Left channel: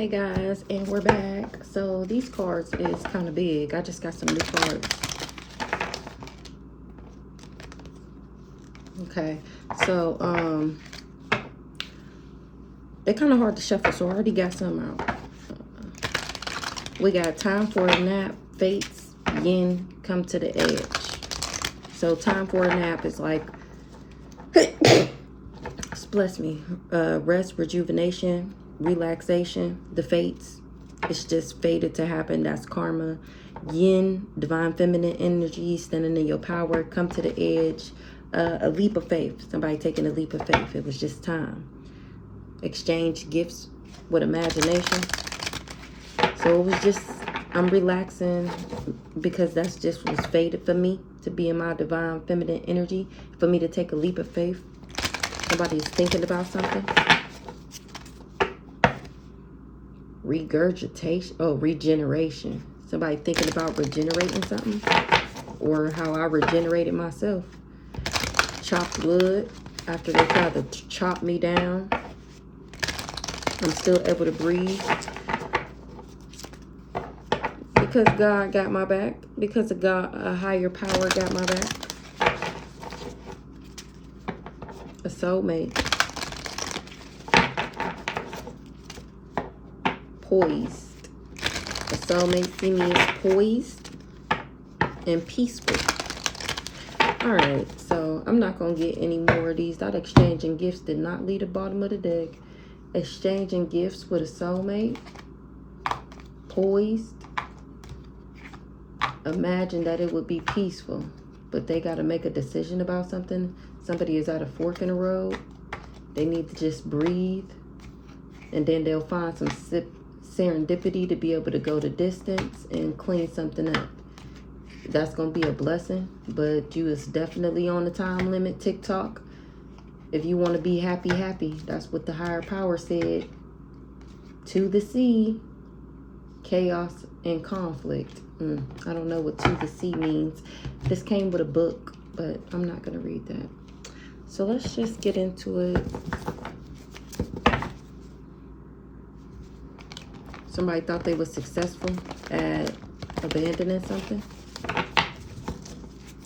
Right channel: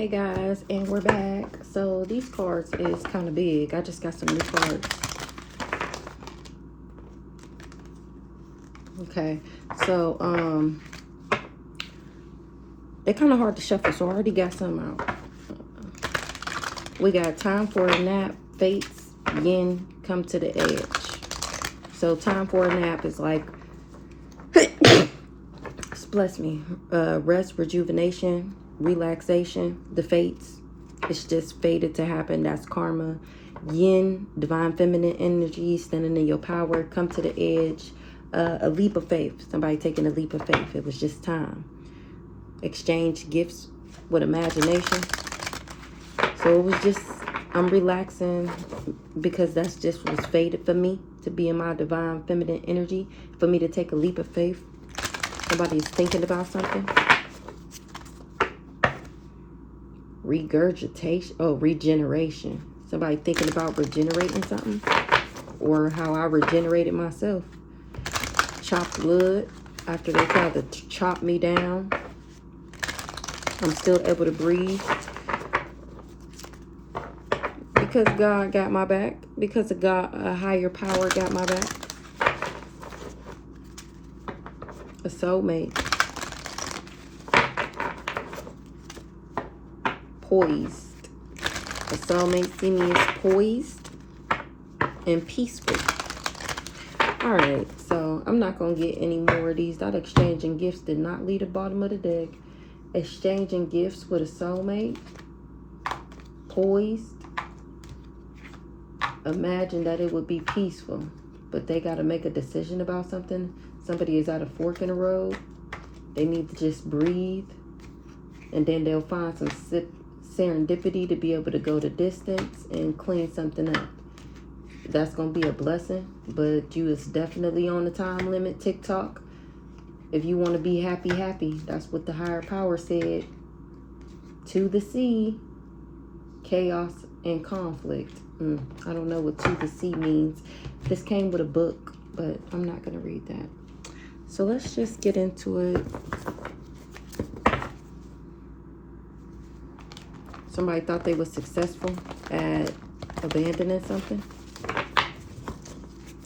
Hey guys, and we're back. So these cards is kind of big. I just got some new cards. Okay, so they're kind of hard to shuffle, so I already got some out. We got time for a nap, fates, yin, come to the edge. So time for a nap is like, bless me, rest, rejuvenation, relaxation. The fates, it's just fated to happen. That's karma. Yin, divine feminine energy, standing in your power, come to the edge. A leap of faith, somebody taking a leap of faith. It was just time. Exchange gifts with imagination. So it was just, I'm relaxing because that's just was fated for me to be in my divine feminine energy, for me to take a leap of faith. Somebody's thinking about something. Regurgitation, oh, regeneration. Somebody thinking about regenerating something, or how I regenerated myself. Chopped wood after they tried to chop me down. I'm still able to breathe because God got my back, because of God, a higher power got my back. A soulmate. Poised. A soulmate see me as poised and peaceful. Alright, so I'm not going to get any more of these. That exchanging gifts did not leave the bottom of the deck. Exchanging gifts with a soulmate. Poised. Imagine that it would be peaceful, but they got to make a decision about something. Somebody is at a fork in the road. They need to just breathe, and then they'll find some serendipity to be able to go the distance and clean something up. That's going to be a blessing, but you is definitely on the time limit, TikTok. If you want to be happy, happy. That's what the higher power said. To the sea, chaos and conflict. I don't know what to the sea means. This came with a book, but I'm not going to read that. So let's just get into it. Somebody thought they were successful at abandoning something.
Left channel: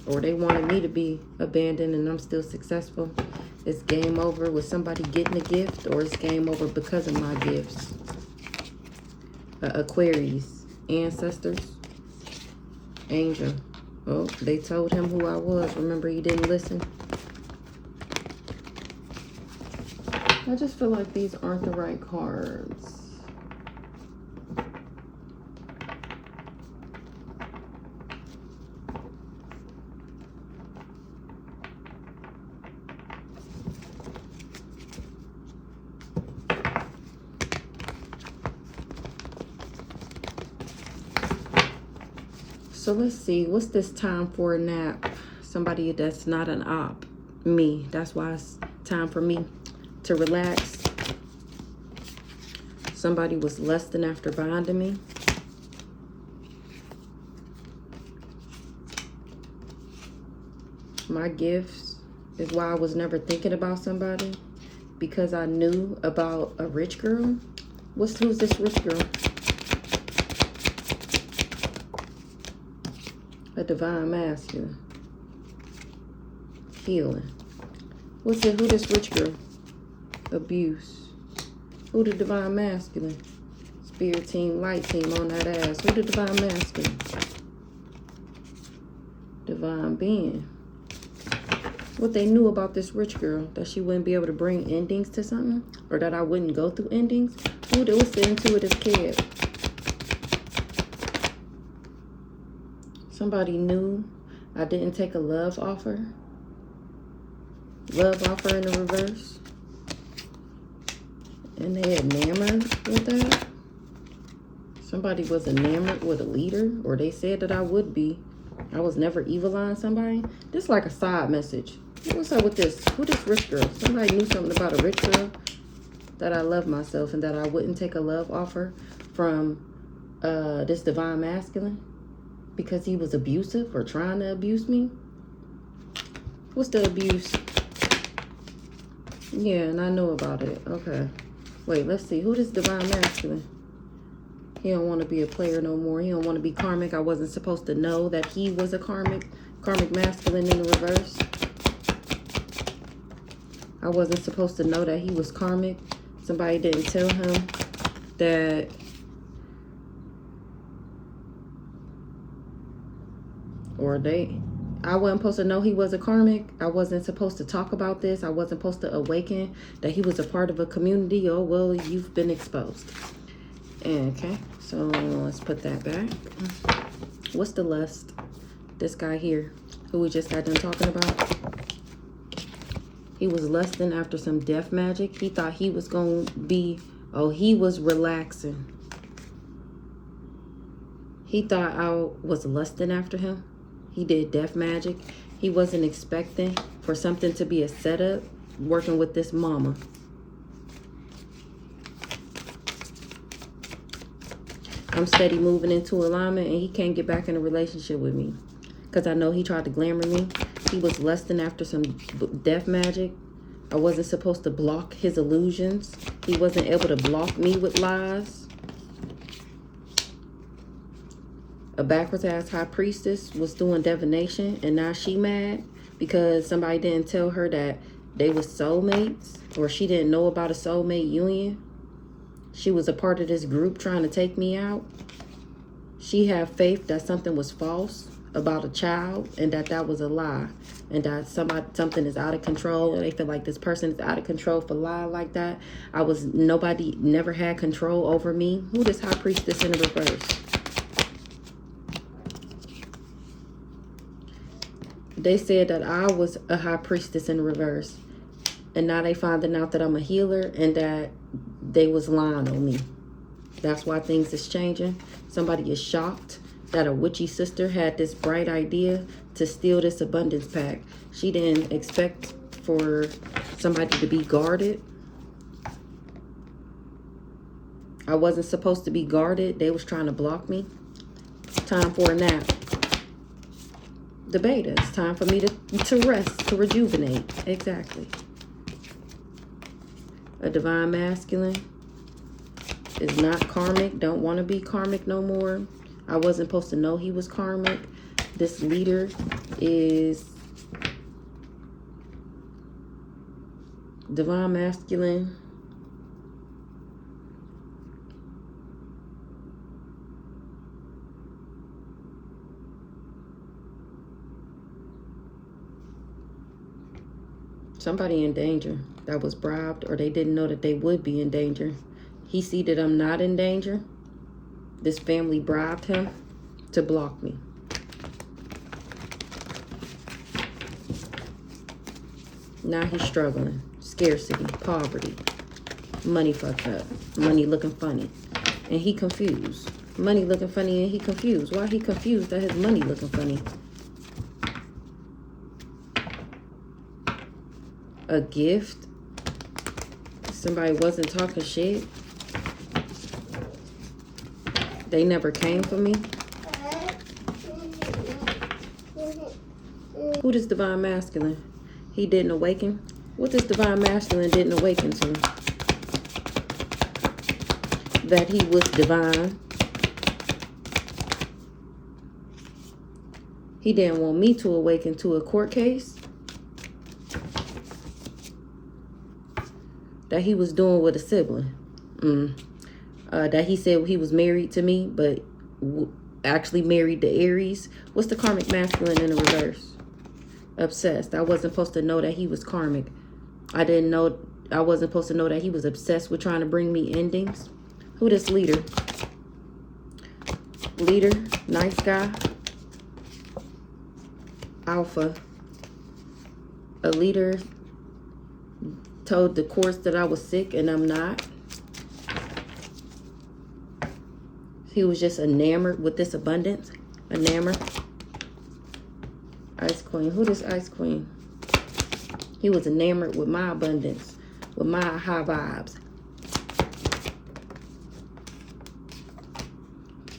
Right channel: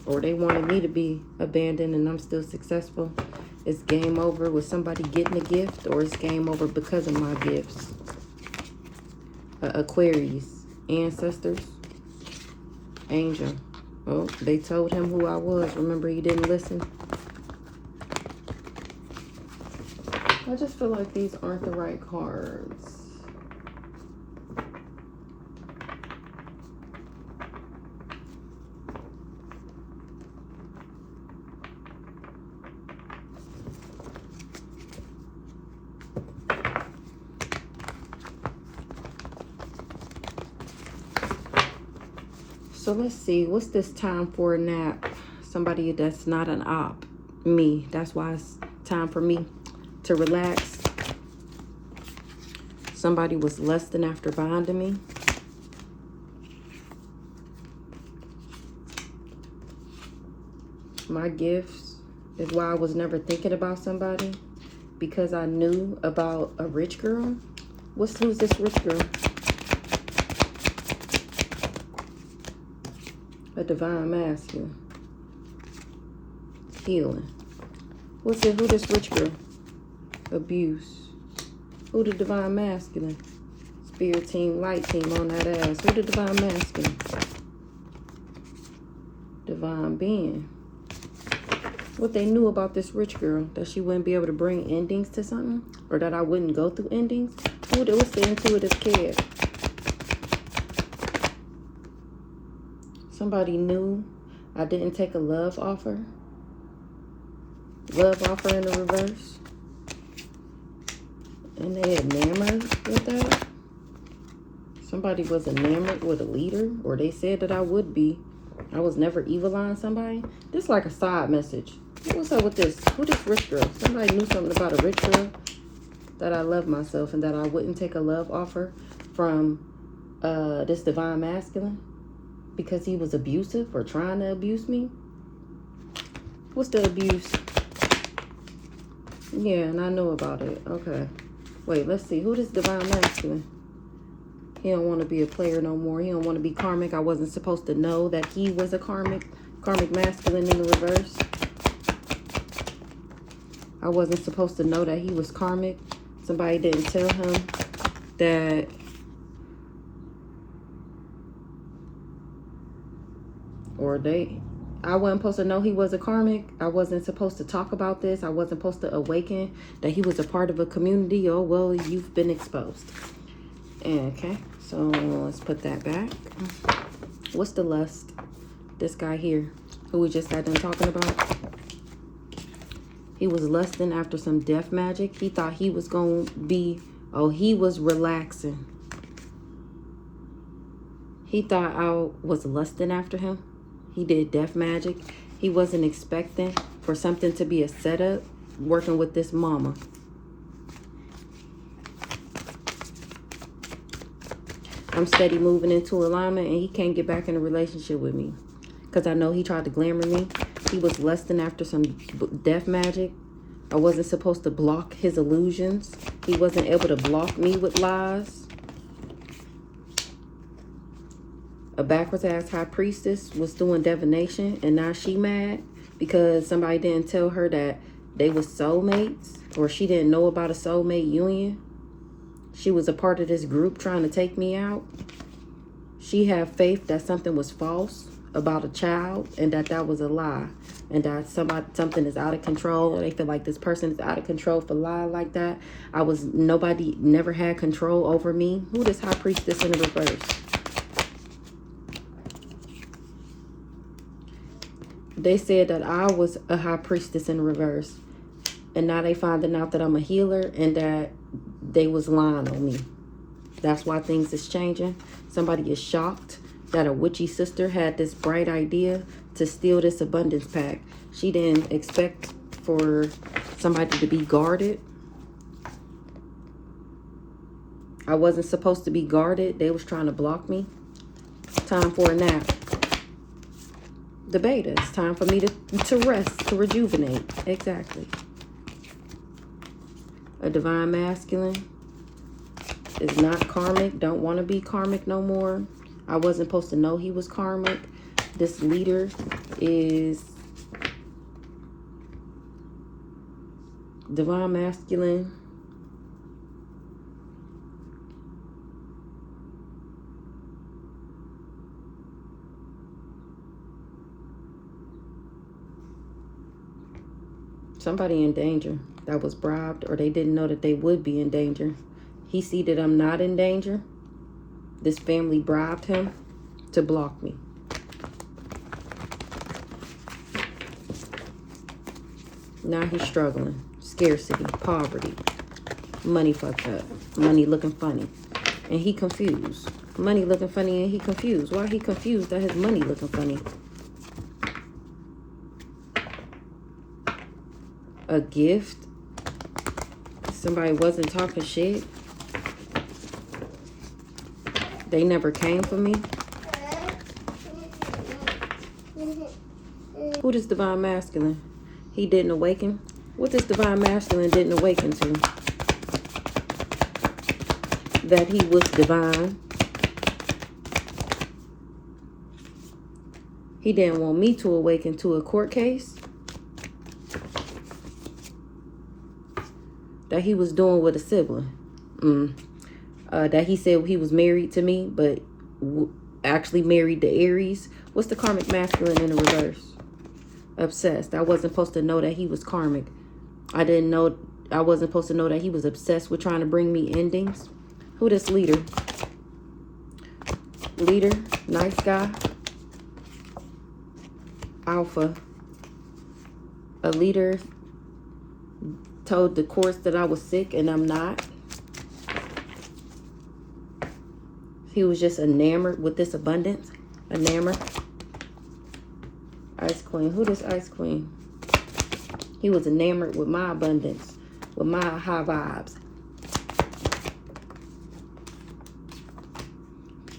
Or they wanted me to be abandoned and I'm still successful. It's game over with somebody getting a gift, or it's game over because of my gifts. Aquarius, ancestors, angel. Oh, they told him who I was. Remember, he didn't listen. I just feel like these aren't the right cards. So let's see, what's this time for a nap? Somebody that's not an op. Me. That's why it's time for me to relax. Somebody was lusting after bonding me. My gifts is why I was never thinking about somebody, because I knew about a rich girl. Who's this rich girl? A divine masculine. Healing. What's it? Who this rich girl? Abuse. Who the divine masculine? Spirit team, light team on that ass. Who the divine masculine? Divine being. What they knew about this rich girl, that she wouldn't be able to bring endings to something, or that I wouldn't go through endings. What's the intuitive kid? Somebody knew I didn't take a love offer. Love offer in the reverse. And they enamored with that. Somebody was enamored with a leader, or they said that I would be. I was never evil-eyeing somebody. This is like a side message. What's up with this? Who this rich girl? Somebody knew something about a rich girl, that I love myself and that I wouldn't take a love offer from this divine masculine because he was abusive or trying to abuse me. What's the abuse? Yeah, and I know about it. Okay. Wait, let's see. Who this divine masculine? He don't want to be a player no more. He don't want to be karmic. I wasn't supposed to know that he was a karmic masculine in the reverse. I wasn't supposed to know that he was karmic. Somebody didn't tell him that I wasn't supposed to know he was a karmic. I wasn't supposed to talk about this. I wasn't supposed to awaken that he was a part of a community. Oh, well, you've been exposed. Okay, so let's put that back. What's the lust? This guy here, who we just got done talking about. He was lusting after some death magic. He thought he was going to be, he was relaxing. He thought I was lusting after him. He did death magic. He wasn't expecting for something to be a setup, working with this mama. I'm steady moving into alignment, and he can't get back in a relationship with me. Because I know he tried to glamour me. He was lusting after some death magic. I wasn't supposed to block his illusions. He wasn't able to block me with lies. A backwards ass high priestess was doing divination, and now she mad because somebody didn't tell her that they were soulmates, or she didn't know about a soulmate union. She was a part of this group trying to take me out. She had faith that something was false about a child, and that was a lie, and that something is out of control. They feel like this person is out of control for lying like that. Nobody never had control over me. Who this high priestess in the reverse? They said that I was a high priestess in reverse. And now they finding out that I'm a healer and that they was lying on me. That's why things is changing. Somebody is shocked that a witchy sister had this bright idea to steal this abundance pack. She didn't expect for somebody to be guarded. I wasn't supposed to be guarded. They was trying to block me. Time for a nap. The beta. It's time for me to rest, to rejuvenate. Exactly. A divine masculine is not karmic. Don't want to be karmic no more. I wasn't supposed to know he was karmic. This leader is divine masculine. Somebody in danger that was bribed, or they didn't know that they would be in danger. He see that I'm not in danger. This family bribed him to block me. Now he's struggling. Scarcity, poverty, money fucked up, money looking funny, and he confused. Money looking funny and he confused. Why he confused that his money looking funny? A gift. Somebody wasn't talking shit. They never came for me. Who this divine masculine? He didn't awaken. What this divine masculine didn't awaken to? That he was divine. He didn't want me to awaken to a court case that he was doing with a sibling. That he said he was married to me, but actually married to Aries. What's the karmic masculine in the reverse? Obsessed. I wasn't supposed to know that he was karmic. I wasn't supposed to know that he was obsessed with trying to bring me endings. Who this leader? Leader, nice guy. Alpha. A leader told the courts that I was sick and I'm not. He was just enamored with this abundance. Enamored. Ice Queen. Who this Ice Queen? He was enamored with my abundance. With my high vibes.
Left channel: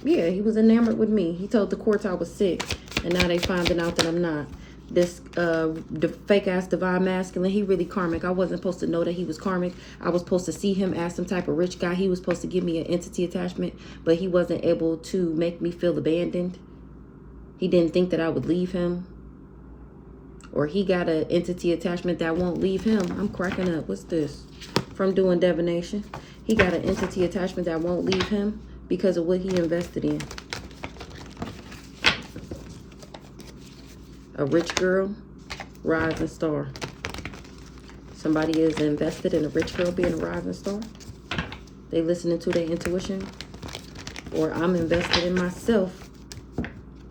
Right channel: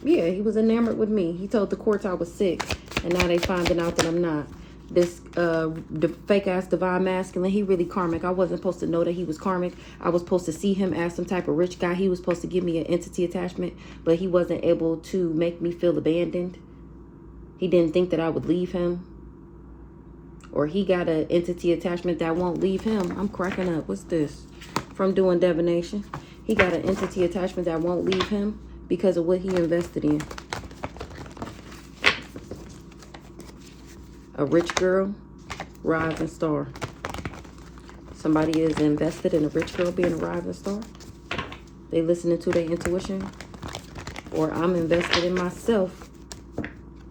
Yeah, he was enamored with me. He told the courts I was sick. And now they finding out that I'm not. This the fake ass divine masculine, he really karmic. I wasn't supposed to know that he was karmic. I was supposed to see him as some type of rich guy. He was supposed to give me an entity attachment, but he wasn't able to make me feel abandoned. He didn't think that I would leave him. Or he got an entity attachment that won't leave him. I'm cracking up. What's this? From doing divination. He got an entity attachment that won't leave him because of what he invested in. A rich girl, rising star. Somebody is invested in a rich girl being a rising star. They listening to their intuition. Or I'm invested in myself.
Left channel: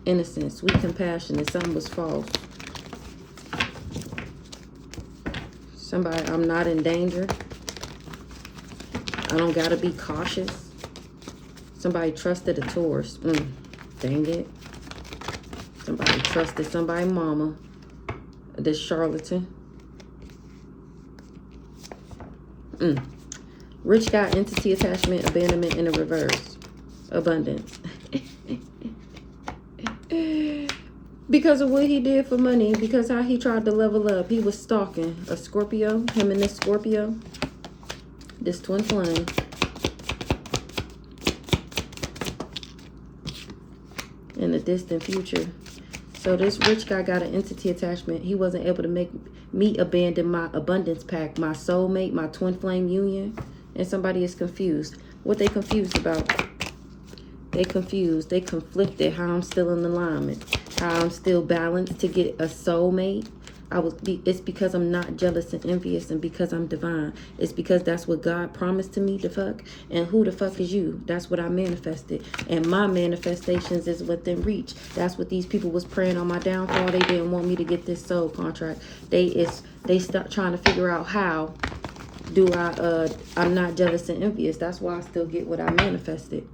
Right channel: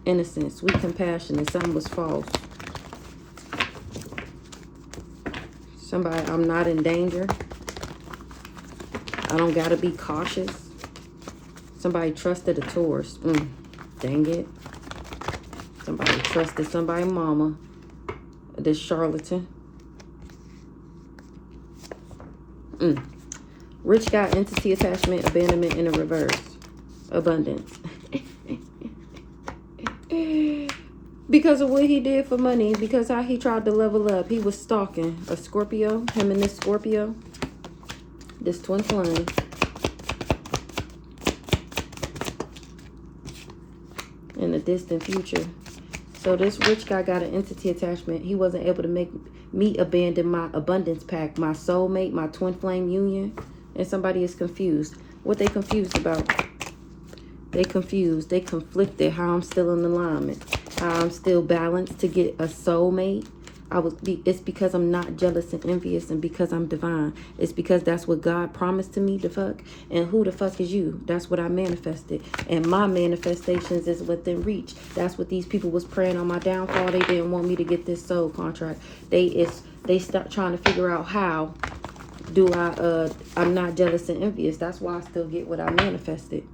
Innocence, sweet compassion, and something was false. Somebody, I'm not in danger. I don't gotta be cautious. Somebody trusted a Taurus. Dang it. Somebody trusted somebody's mama. This charlatan. Rich guy, entity attachment, abandonment in the reverse. Abundance. Because of what he did for money, because how he tried to level up. He was stalking a Scorpio, him and this Scorpio, this twin flame. In the distant future. So this rich guy got an entity attachment. He wasn't able to make me abandon my abundance pact, my soulmate, my twin flame union. And somebody is confused. What they confused about? They confused. They conflicted how I'm still in alignment. How I'm still balanced to get a soulmate. It's because I'm not jealous and envious, and because I'm divine. It's because that's what God promised to me to fuck. And who the fuck is you? That's what I manifested. And my manifestations is within reach. That's what these people was praying on my downfall. They didn't want me to get this soul contract. They stopped trying to figure out how do I'm not jealous and envious. That's why I still get what I manifested.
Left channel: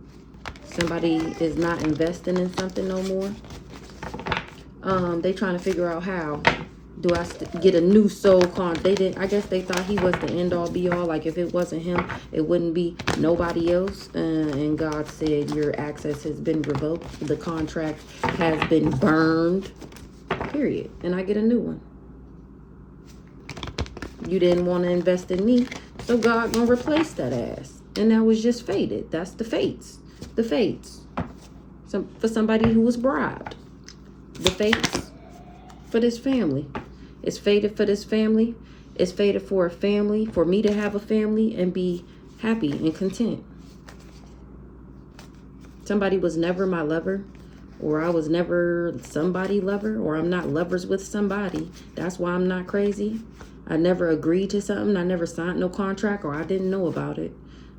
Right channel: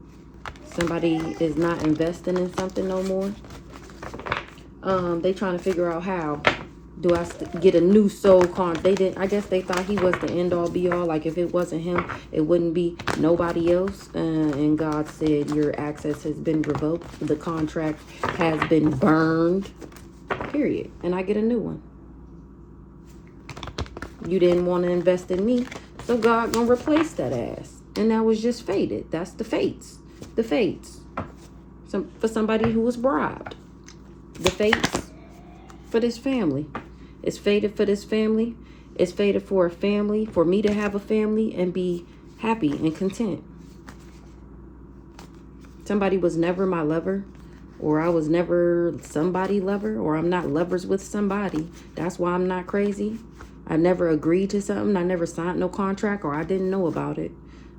Somebody is not investing in something no more. They trying to figure out how do I get a new soul contract. I guess they thought he was the end all be all. Like if it wasn't him, it wouldn't be nobody else. And God said your access has been revoked. The contract has been burned. Period. And I get a new one. You didn't want to invest in me, so God gonna replace that ass. And that was just fated. That's the fates. The fates. For somebody who was bribed. The fates for this family. It's fated for this family. It's fated for a family, for me to have a family and be happy and content. Somebody was never my lover, or I was never somebody lover, or I'm not lovers with somebody. That's why I'm not crazy. I never agreed to something. I never signed no contract, or I didn't know about it.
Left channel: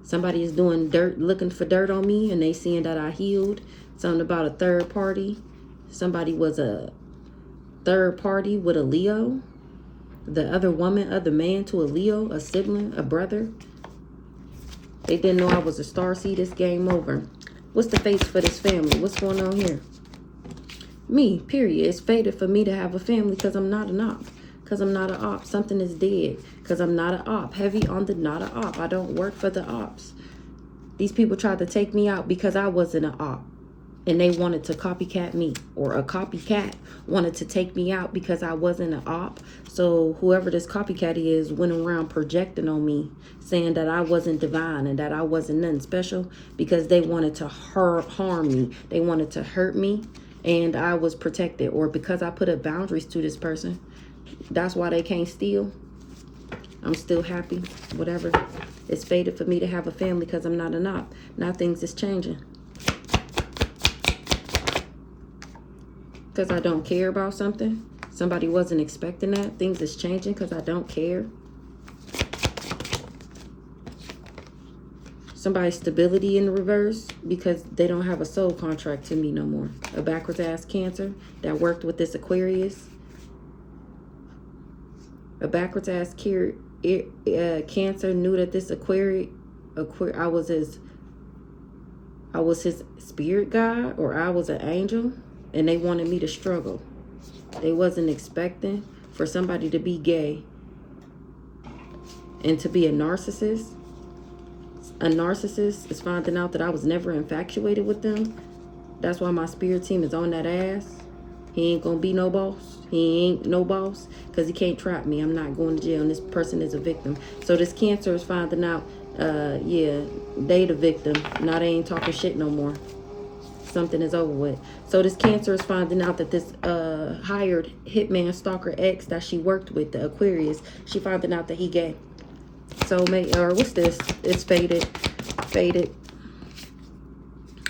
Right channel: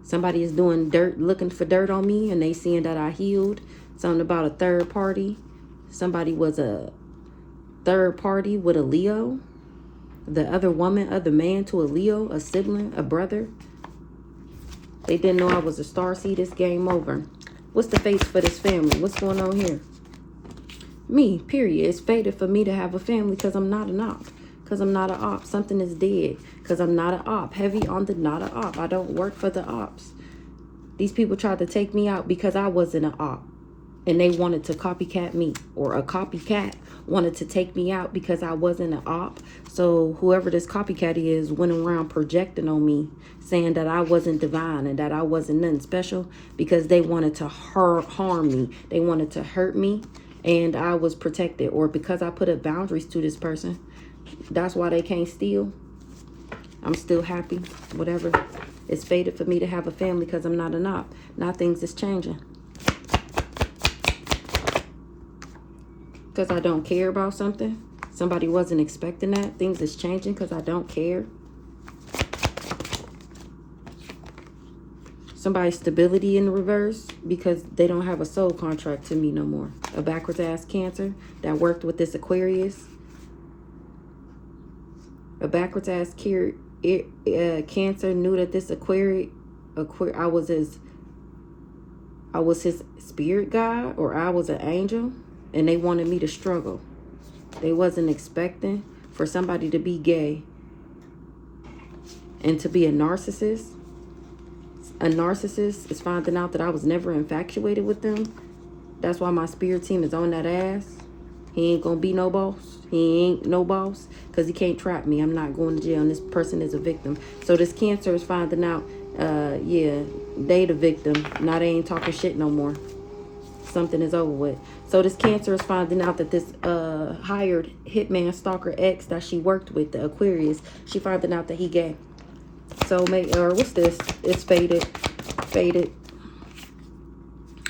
Somebody is doing dirt, looking for dirt on me, and they seeing that I healed. Something about a third party. Somebody was a third party with a Leo. The other woman, other man to a Leo, a sibling, a brother. They didn't know I was a starseed. This game over. What's the face for this family? What's going on here? Me, period. It's fated for me to have a family because I'm not an op. Because I'm not an op. Something is dead. Because I'm not an op. Heavy on the not an op. I don't work for the ops. These people tried to take me out because I wasn't an op. And they wanted to copycat me. Or a copycat wanted to take me out because I wasn't an op. So whoever this copycat is went around projecting on me, saying that I wasn't divine and that I wasn't nothing special, because they wanted to harm me. They wanted to hurt me, and I was protected. Or because I put up boundaries to this person. That's why they can't steal. I'm still happy. Whatever. It's fated for me to have a family because I'm not an op. Now things is changing. Because I don't care about something. Somebody wasn't expecting that. Things is changing because I don't care. Somebody's stability in reverse because they don't have a soul contract to me no more. A backwards ass Cancer that worked with this Aquarius. A backwards ass Cancer knew that this Aquarius, I was his spirit guide, or I was an angel. And they wanted me to struggle. They wasn't expecting for somebody to be gay and to be a narcissist. A narcissist is finding out that I was never infatuated with them. That's why my spirit team is on that ass. He ain't gonna be no boss. He ain't no boss because he can't trap me. I'm not going to jail, and this person is a victim. So this Cancer is finding out, yeah, they the victim. Now they ain't talking shit no more. Something is over with. So this Cancer is finding out that this hired hitman stalker ex that she worked with, the Aquarius, she finding out that he gay. So or what's this? It's faded.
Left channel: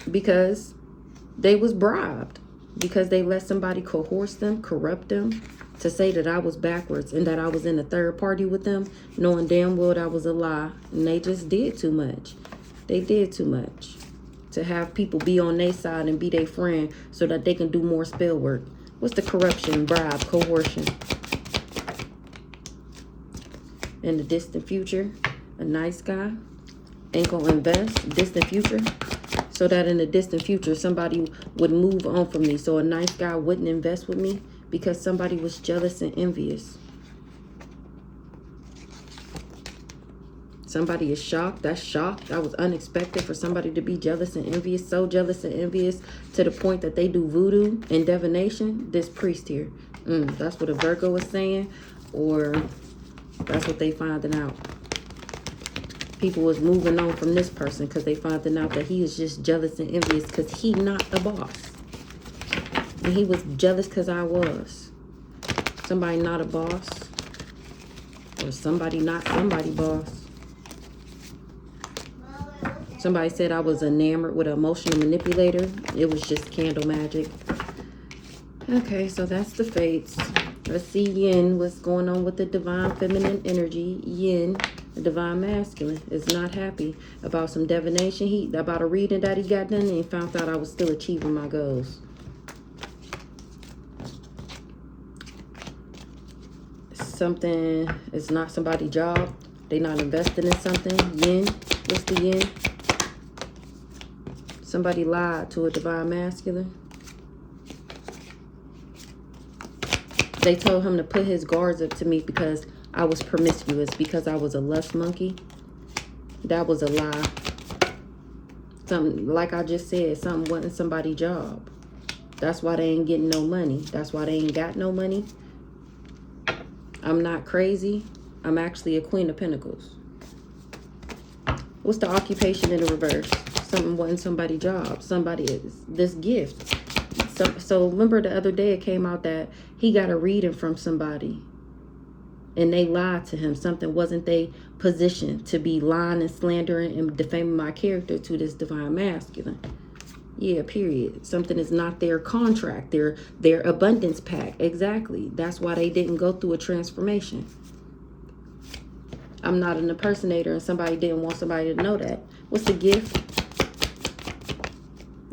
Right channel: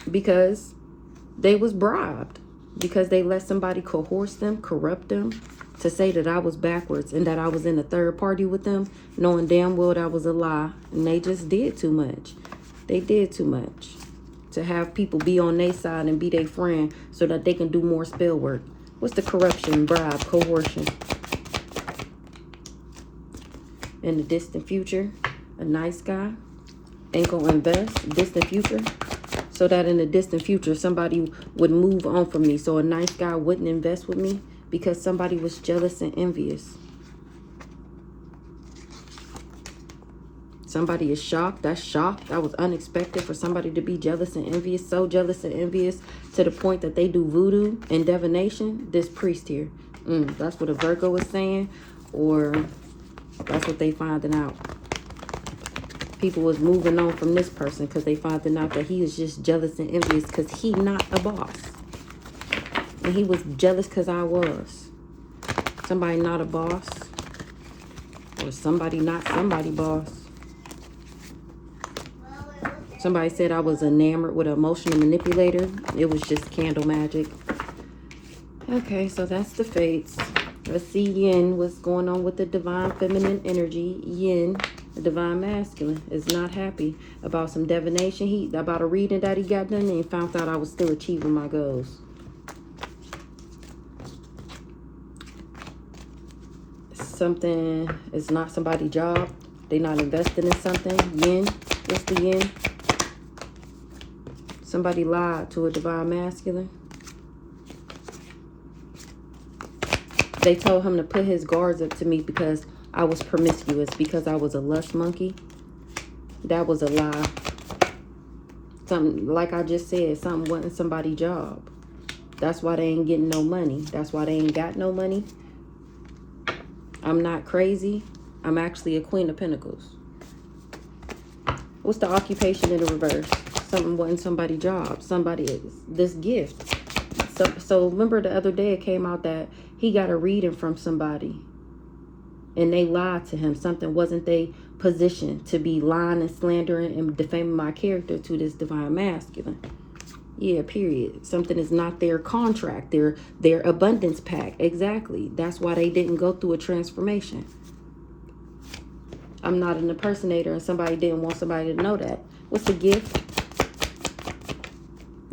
Because they was bribed. Because they let somebody coerce them, corrupt them, to say that I was backwards and that I was in a third party with them, knowing damn well that was a lie. And they just did too much. They did too much to have people be on their side and be their friend so that they can do more spell work. What's the corruption, bribe, coercion? In the distant future, a nice guy ain't gonna invest. Distant future. So that in the distant future, somebody would move on from me. So a nice guy wouldn't invest with me because somebody was jealous and envious. Somebody is shocked. That's shocked. That was unexpected for somebody to be jealous and envious. So jealous and envious to the point that they do voodoo and divination. This priest here. That's what a Virgo was saying. Or that's what they finding out. People was moving on from this person because they finding out that he is just jealous and envious because he not a boss. And he was jealous because I was. Somebody not a boss. Or somebody not somebody boss. Somebody said I was enamored with an emotional manipulator. It was just candle magic. Okay, so that's the fates. Let's see Yin. What's going on with the divine feminine energy? Yin. The divine masculine is not happy about some divination. About a reading that he got done and found out I was still achieving my goals. Something is not somebody's job. They not invested in something. Yin. What's the yin? Somebody lied to a divine masculine. They told him to put his guards up to me because I was promiscuous, because I was a lust monkey. That was a lie. Something, like I just said, something wasn't somebody's job. That's why they ain't getting no money. That's why they ain't got no money. I'm not crazy. I'm actually a Queen of Pentacles. What's the occupation in the reverse? Something wasn't somebody's job. Somebody is this gift. So remember the other day it came out that he got a reading from somebody. And they lied to him. Something wasn't their position to be lying and slandering and defaming my character to this divine masculine. Yeah, period. Something is not their contract, their abundance pact. Exactly. That's why they didn't go through a transformation. I'm not an impersonator and somebody didn't want somebody to know that. What's the gift?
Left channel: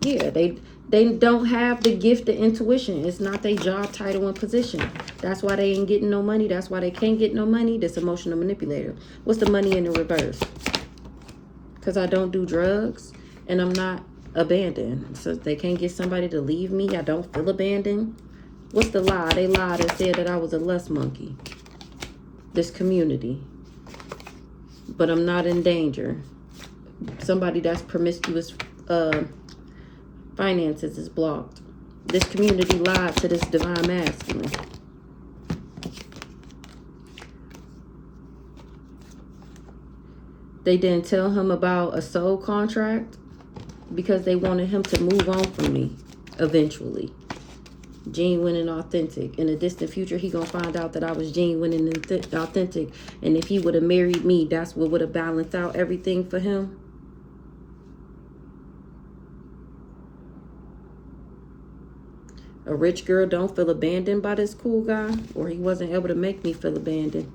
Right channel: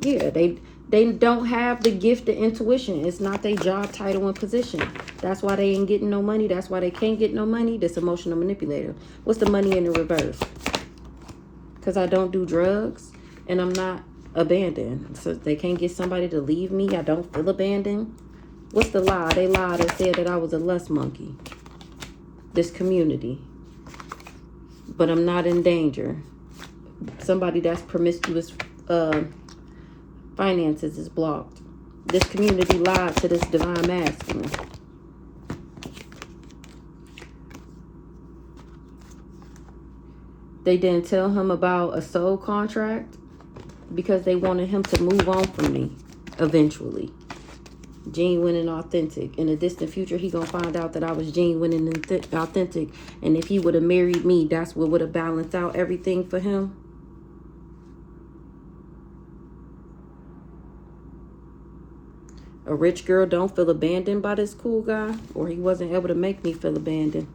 Yeah, they don't have the gift of intuition. It's not their job title and position. That's why they ain't getting no money. That's why they can't get no money. This emotional manipulator. What's the money in the reverse? Because I don't do drugs and I'm not abandoned. So they can't get somebody to leave me. I don't feel abandoned. What's the lie? They lied and said that I was a lust monkey. This community. But I'm not in danger. Somebody that's promiscuous finances is blocked. This community lied to this divine masculine. They didn't tell him about a soul contract because they wanted him to move on from me eventually. Genuine and authentic. In the distant future, he gonna find out that I was genuine and authentic. And if he would have married me, that's what would have balanced out everything for him. A rich girl don't feel abandoned by this cool guy, or he wasn't able to make me feel abandoned.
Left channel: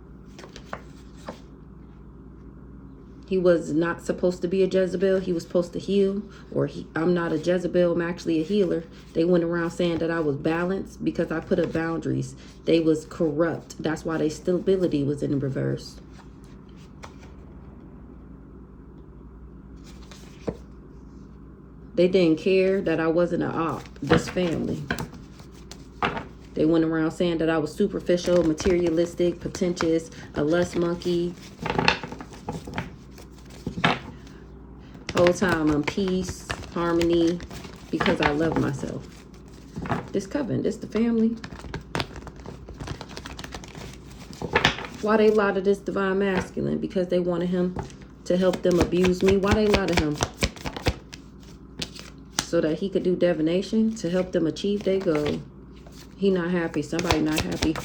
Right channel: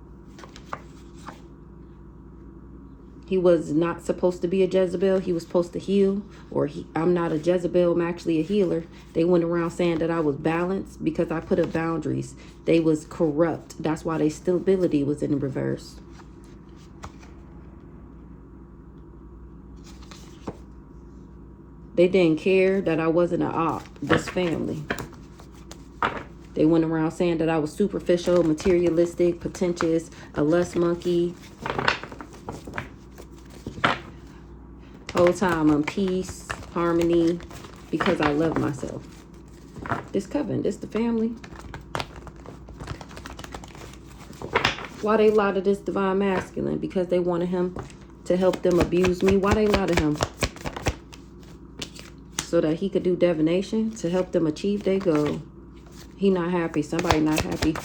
He was not supposed to be a Jezebel. He was supposed to heal, or I'm not a Jezebel. I'm actually a healer. They went around saying that I was balanced because I put up boundaries. They was corrupt. That's why their stability was in the reverse. They didn't care that I wasn't an op. This family. They went around saying that I was superficial, materialistic, pretentious, a lust monkey. Whole time I'm peace, harmony, because I love myself. This coven, this the family. Why they lie to this divine masculine? Because they wanted him to help them abuse me. Why they lie to him? So that he could do divination to help them achieve their goal. He not happy. Somebody not happy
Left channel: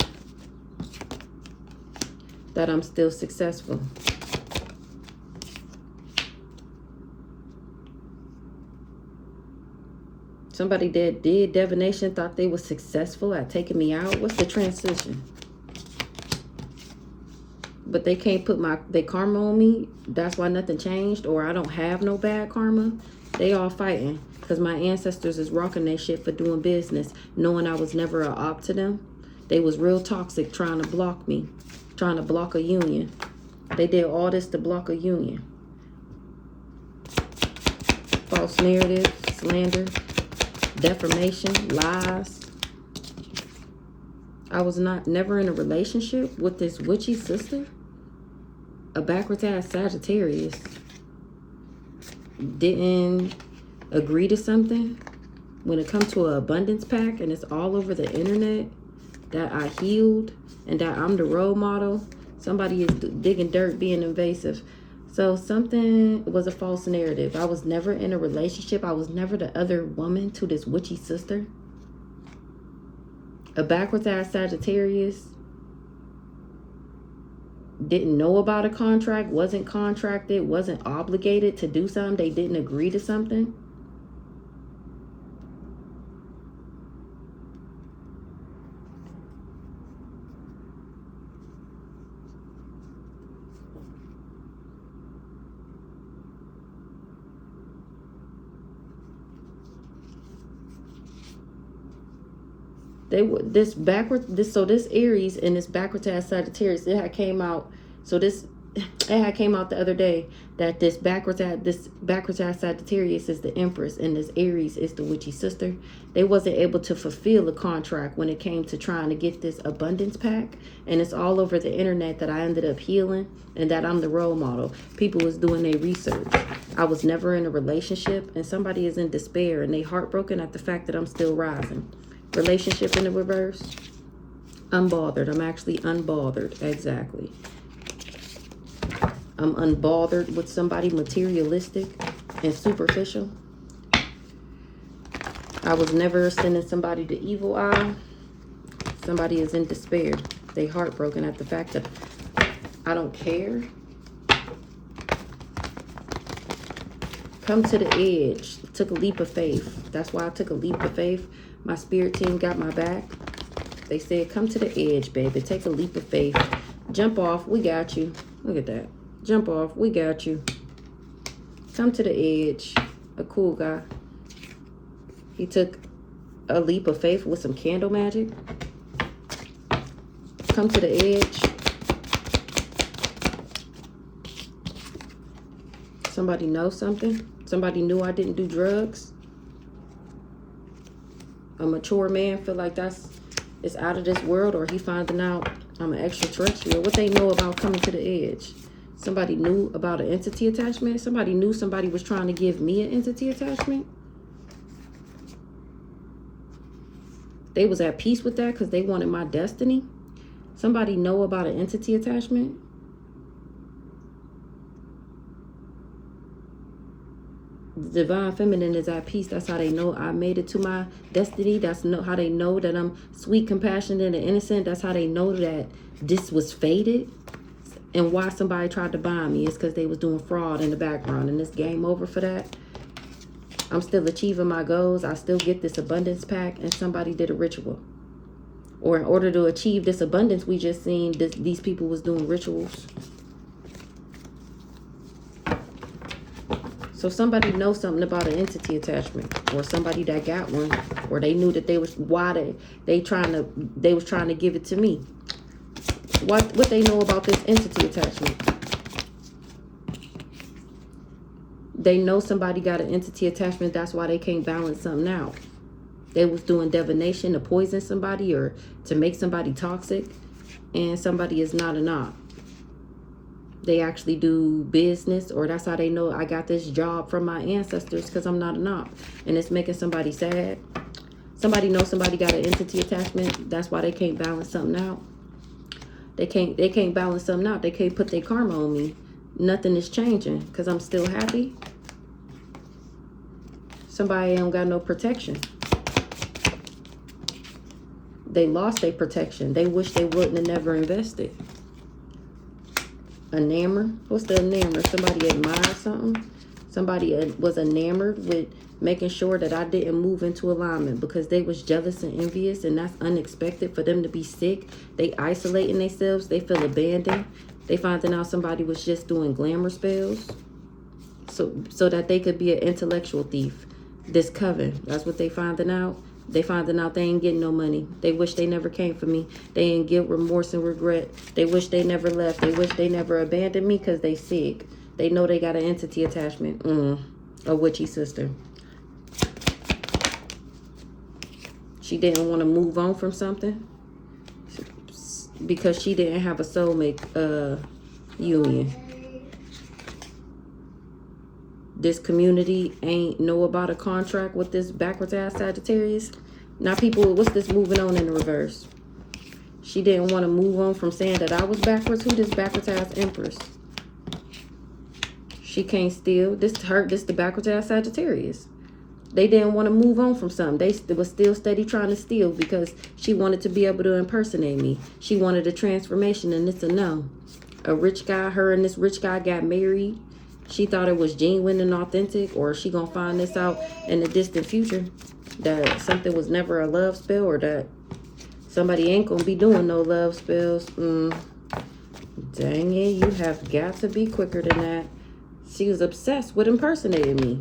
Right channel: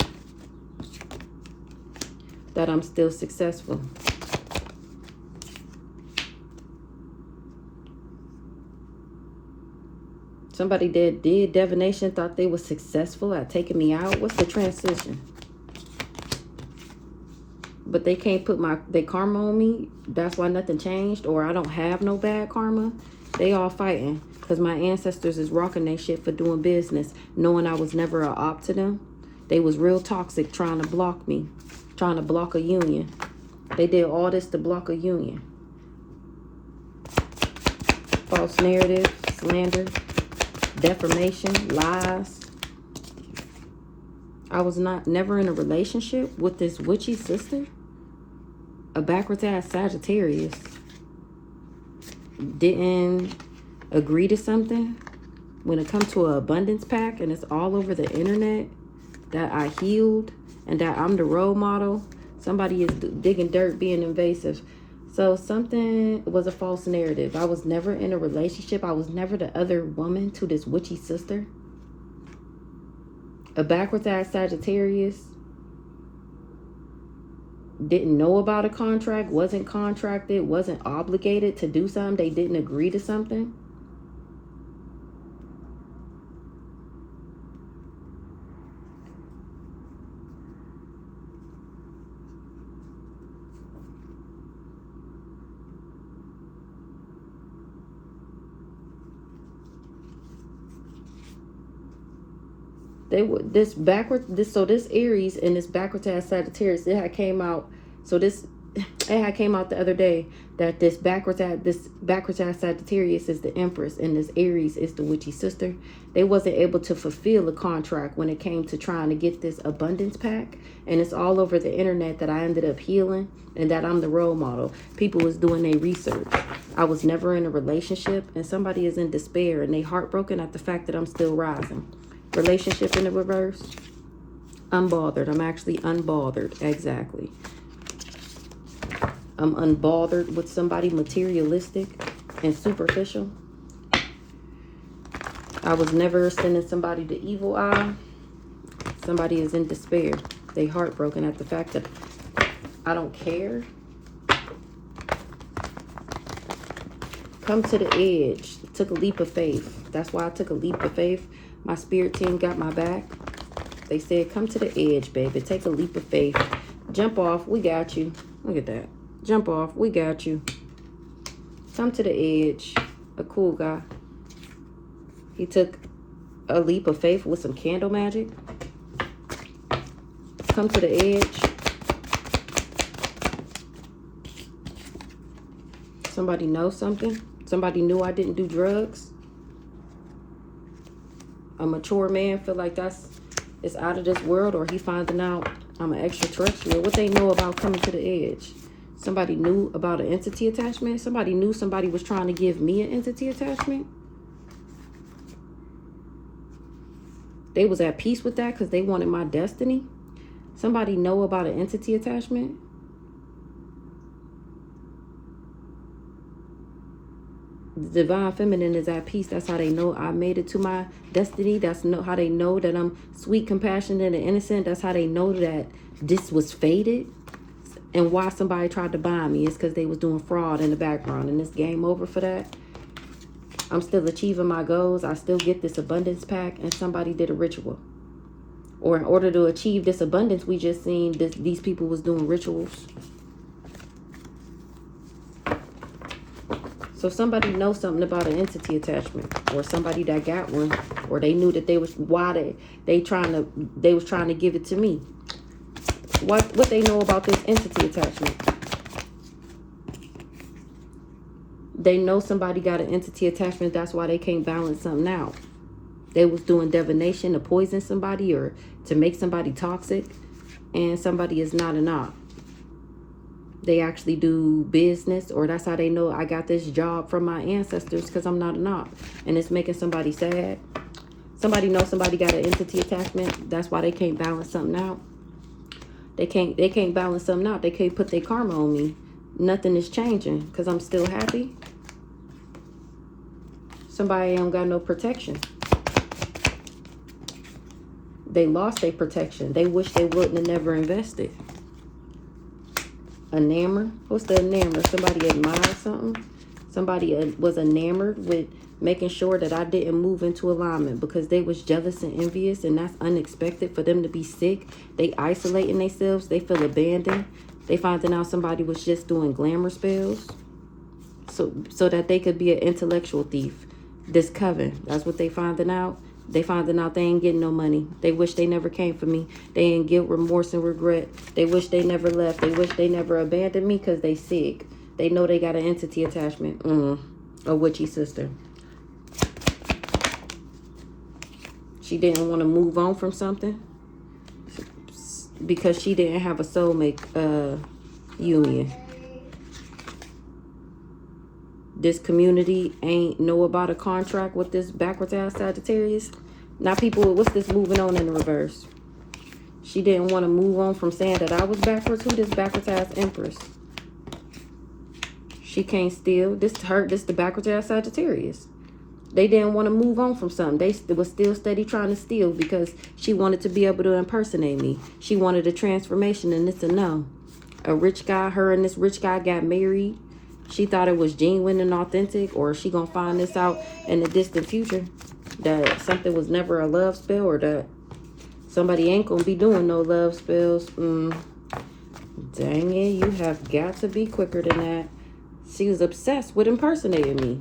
that I'm still successful. Somebody that did divination thought they was successful at taking me out. What's the transition? But they can't put their karma on me. That's why nothing changed. Or I don't have no bad karma. They all fighting. Because my ancestors is rocking their shit for doing business. Knowing I was never a op to them. They was real toxic trying to block me. Trying to block a union. They did all this to block a union. False narrative. Slander. Defamation. Lies. I was never in a relationship with this witchy sister. A backwards ass Sagittarius. Didn't agree to something. When it comes to an abundance pack and it's all over the internet that I healed and that I'm the role model, somebody is digging dirt, being invasive. So something was a false narrative. I was never in a relationship. I was never the other woman to this witchy sister. A backwards ass Sagittarius didn't know about a contract, wasn't contracted, wasn't obligated to do something. They didn't agree to something. This Aries and this backwards ass Sagittarius, it had came out. So it had came out the other day that this backwards ass Sagittarius is the Empress and this Aries is the witchy sister. They wasn't able to fulfill the contract when it came to trying to get this abundance pack, and it's all over the internet that I ended up healing and that I'm the role model. People was doing their research. I was never in a relationship, and somebody is in despair and they heartbroken at the fact that I'm still rising. Relationship in the reverse. Unbothered. I'm actually unbothered. Exactly. I'm unbothered with somebody materialistic and superficial. I was never sending somebody the evil eye. Somebody is in despair. They heartbroken at the fact that I don't care. Come to the edge. Took a leap of faith. That's why I took a leap of faith. My spirit team got my back. They said, come to the edge, baby. Take a leap of faith. Jump off. We got you. Look at that. Jump off. We got you. Come to the edge. A cool guy. He took a leap of faith with some candle magic. Come to the edge. Somebody knows something. Somebody knew I didn't do drugs. A mature man feel like it's out of this world, or he finding out I'm an extraterrestrial. What they know about coming to the edge? Somebody knew about an entity attachment. Somebody knew somebody was trying to give me an entity attachment. They was at peace with that because they wanted my destiny. Somebody know about an entity attachment. The divine feminine is at peace. That's how they know I made it to my destiny. That's how they know that I'm sweet, compassionate, and innocent. That's how they know that this was fated. And why somebody tried to buy me is because they was doing fraud in the background. And it's game over for that. I'm still achieving my goals. I still get this abundance pack, and somebody did a ritual. Or in order to achieve this abundance, we just seen these people was doing rituals. So somebody knows something about an entity attachment, or somebody that got one, or they knew that they was trying to give it to me. What they know about this entity attachment? They know somebody got an entity attachment. That's why they can't balance something out. They was doing divination to poison somebody or to make somebody toxic, and somebody is not an op. They actually do business, or that's how they know I got this job from my ancestors, because I'm not an op. And it's making somebody sad. Somebody knows somebody got an entity attachment. That's why they can't balance something out. They can't balance something out. They can't put their karma on me. Nothing is changing because I'm still happy. Somebody ain't got no protection. They lost their protection. They wish they wouldn't have never invested. Enamored. What's the enamored? Somebody admired something. Somebody was enamored with making sure that I didn't move into alignment because they was jealous and envious, and that's unexpected for them to be sick. They isolating themselves. They feel abandoned. They finding out somebody was just doing glamour spells so that they could be an intellectual thief. This coven, that's what they finding out. They finding out they ain't getting no money. They wish they never came for me. They ain't guilt, remorse, and regret. They wish they never left. They wish they never abandoned me because they sick. They know they got an entity attachment. A witchy sister. She didn't want to move on from something because she didn't have a soulmate union. This community ain't know about a contract with this backwards ass Sagittarius. Now people, what's this moving on in the reverse? She didn't want to move on from saying that I was backwards. Who this backwards ass Empress? She can't steal. This the backwards ass Sagittarius. They didn't want to move on from something. They was still steady trying to steal because she wanted to be able to impersonate me. She wanted a transformation, and it's a no. A rich guy, her and this rich guy got married. She thought it was genuine and authentic, or she gonna find this out in the distant future that something was never a love spell, or that somebody ain't gonna be doing no love spells. Dang it, you have got to be quicker than that. She was obsessed with impersonating me.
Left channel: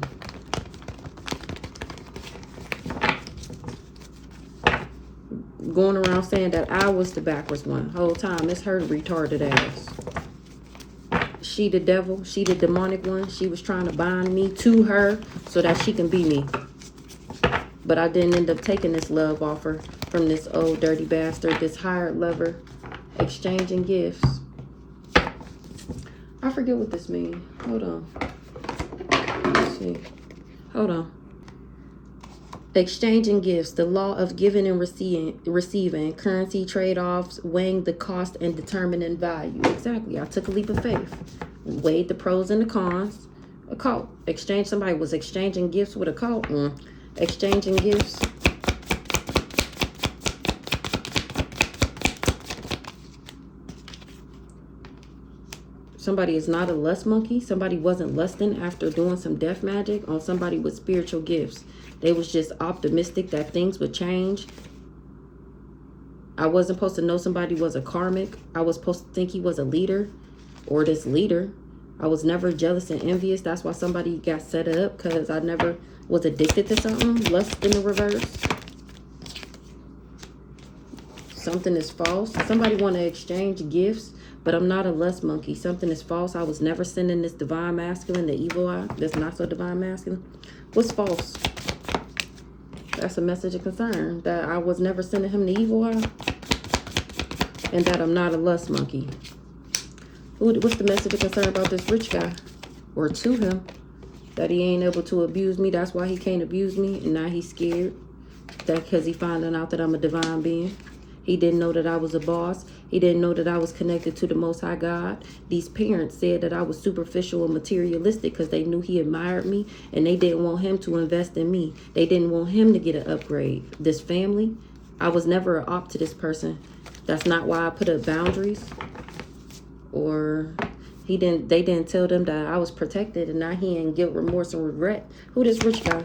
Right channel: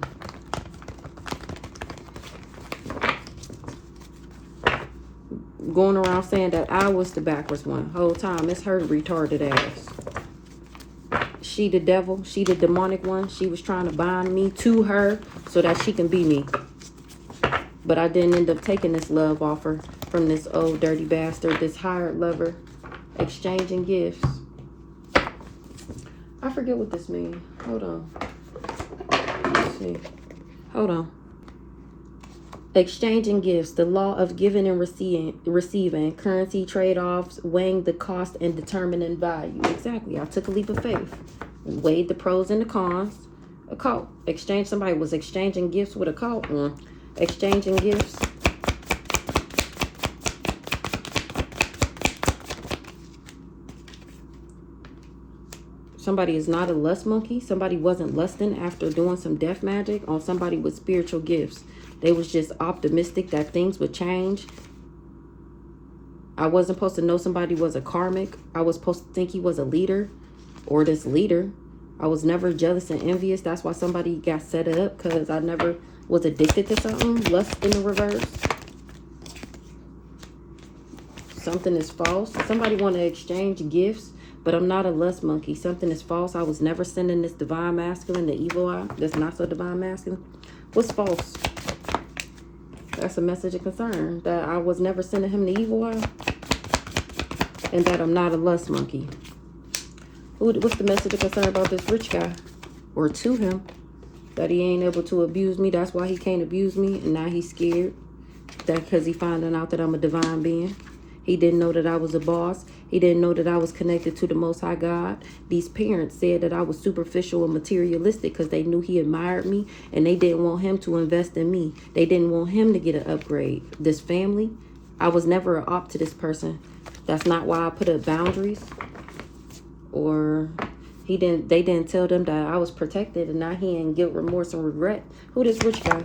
Going around saying that I was the backwards one. Whole time, it's her retarded ass. She the devil. She the demonic one. She was trying to bind me to her so that she can be me. But I didn't end up taking this love offer from this old dirty bastard, this hired lover, exchanging gifts. I forget what this means. Hold on. Let's see. Hold on. Exchanging gifts, the law of giving and receiving, currency trade-offs, weighing the cost and determining value. Exactly. I took a leap of faith. Weighed the pros and the cons. A cult. Somebody was exchanging gifts with a cult. Exchanging gifts. Somebody is not a lust monkey. Somebody wasn't lusting after doing some death magic on somebody with spiritual gifts. They was just optimistic that things would change. I wasn't supposed to know somebody was a karmic. I was supposed to think he was a leader or this leader. I was never jealous and envious. That's why somebody got set up, because I never was addicted to something. Lust in the reverse. Something is false. Somebody want to exchange gifts, but I'm not a lust monkey. Something is false. I was never sending this divine masculine, the evil eye. That's not so divine masculine. What's false? That's a message of concern, that I was never sending him the evil eye, and that I'm not a lust monkey. What's the message of concern about this rich guy, or to him, that he ain't able to abuse me? That's why he can't abuse me, and now he's scared. That because he finding out that I'm a divine being. He didn't know that I was a boss. He didn't know that I was connected to the Most High God. These parents said that I was superficial and materialistic because they knew he admired me, and they didn't want him to invest in me. They didn't want him to get an upgrade. This family, I was never an op to this person. That's not why I put up boundaries. Or they didn't tell them that I was protected, and now he ain't guilt, remorse, and regret. Who this rich guy?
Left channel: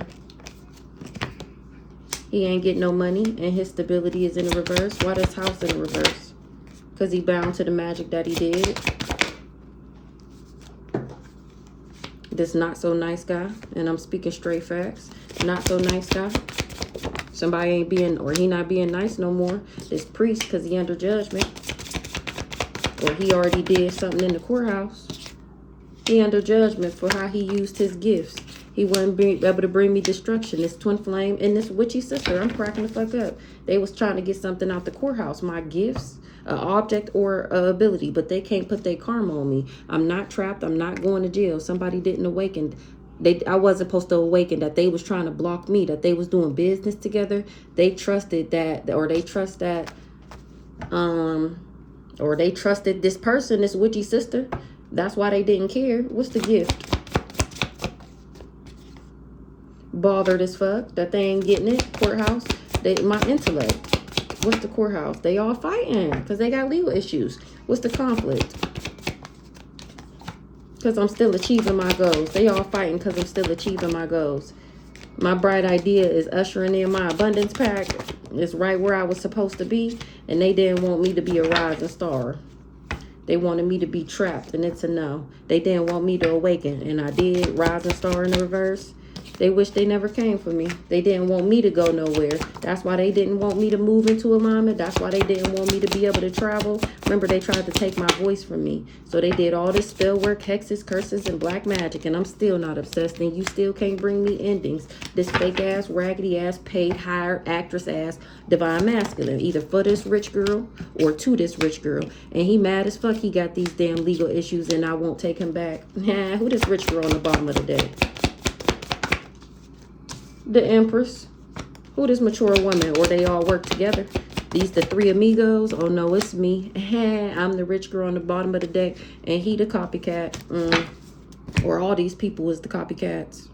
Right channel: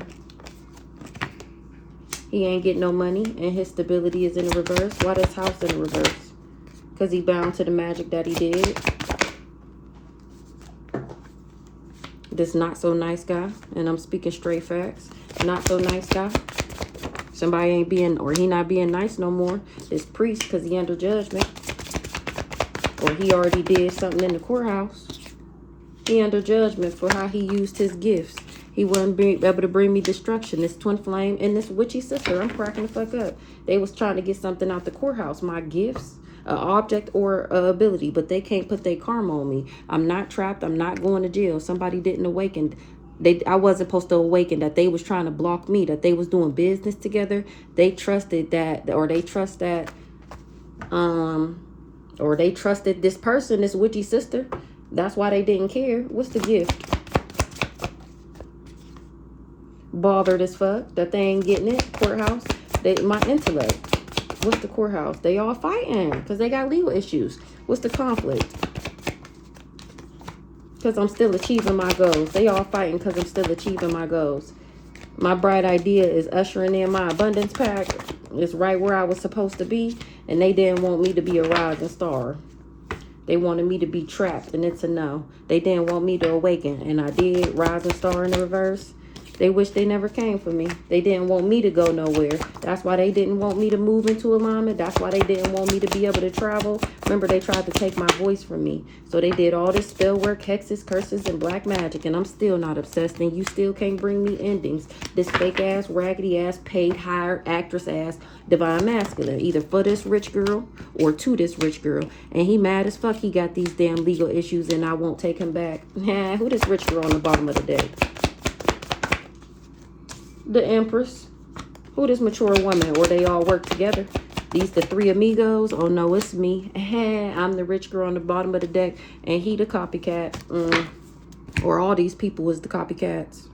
He ain't getting no money, and his stability is in the reverse. Why this house in the reverse? Because he bound to the magic that he did. This not so nice guy, and I'm speaking straight facts. Not so nice guy. Somebody ain't being, or he not being nice no more. This priest, because he under judgment. Or he already did something in the courthouse. He under judgment for how he used his gifts. He wouldn't be able to bring me destruction. This twin flame and this witchy sister. I'm cracking the fuck up. They was trying to get something out the courthouse. My gifts, an object or an ability. But they can't put their karma on me. I'm not trapped. I'm not going to jail. Somebody didn't awaken I wasn't supposed to awaken, that they was trying to block me, that they was doing business together. They trusted that, or they trust that, or they trusted this person, this witchy sister. That's why they didn't care. What's the gift? Bothered as fuck that they ain't getting it. Courthouse. My intellect. What's the courthouse? They all fighting because they got legal issues. What's the conflict? Because I'm still achieving my goals. They all fighting because I'm still achieving my goals. My bright idea is ushering in my abundance pack. It's right where I was supposed to be. And they didn't want me to be a rising star. They wanted me to be trapped, and it's a no. They didn't want me to awaken, and I did. Rising star in the reverse. They wish they never came for me. They didn't want me to go nowhere. That's why they didn't want me to move into alignment. That's why they didn't want me to be able to travel. Remember, they tried to take my voice from me. So they did all this spell work, hexes, curses, and black magic. And I'm still not obsessed. And you still can't bring me endings. This fake ass, raggedy ass, paid, hired, actress ass, divine masculine. Either for this rich girl or to this rich girl. And he mad as fuck he got these damn legal issues and I won't take him back. Who this rich girl on the bottom of the deck? The Empress. Who this mature woman? Or they all work together? These the three amigos? Oh no, it's me. I'm the rich girl on the bottom of the deck. And he the copycat. Or all these people is the copycats.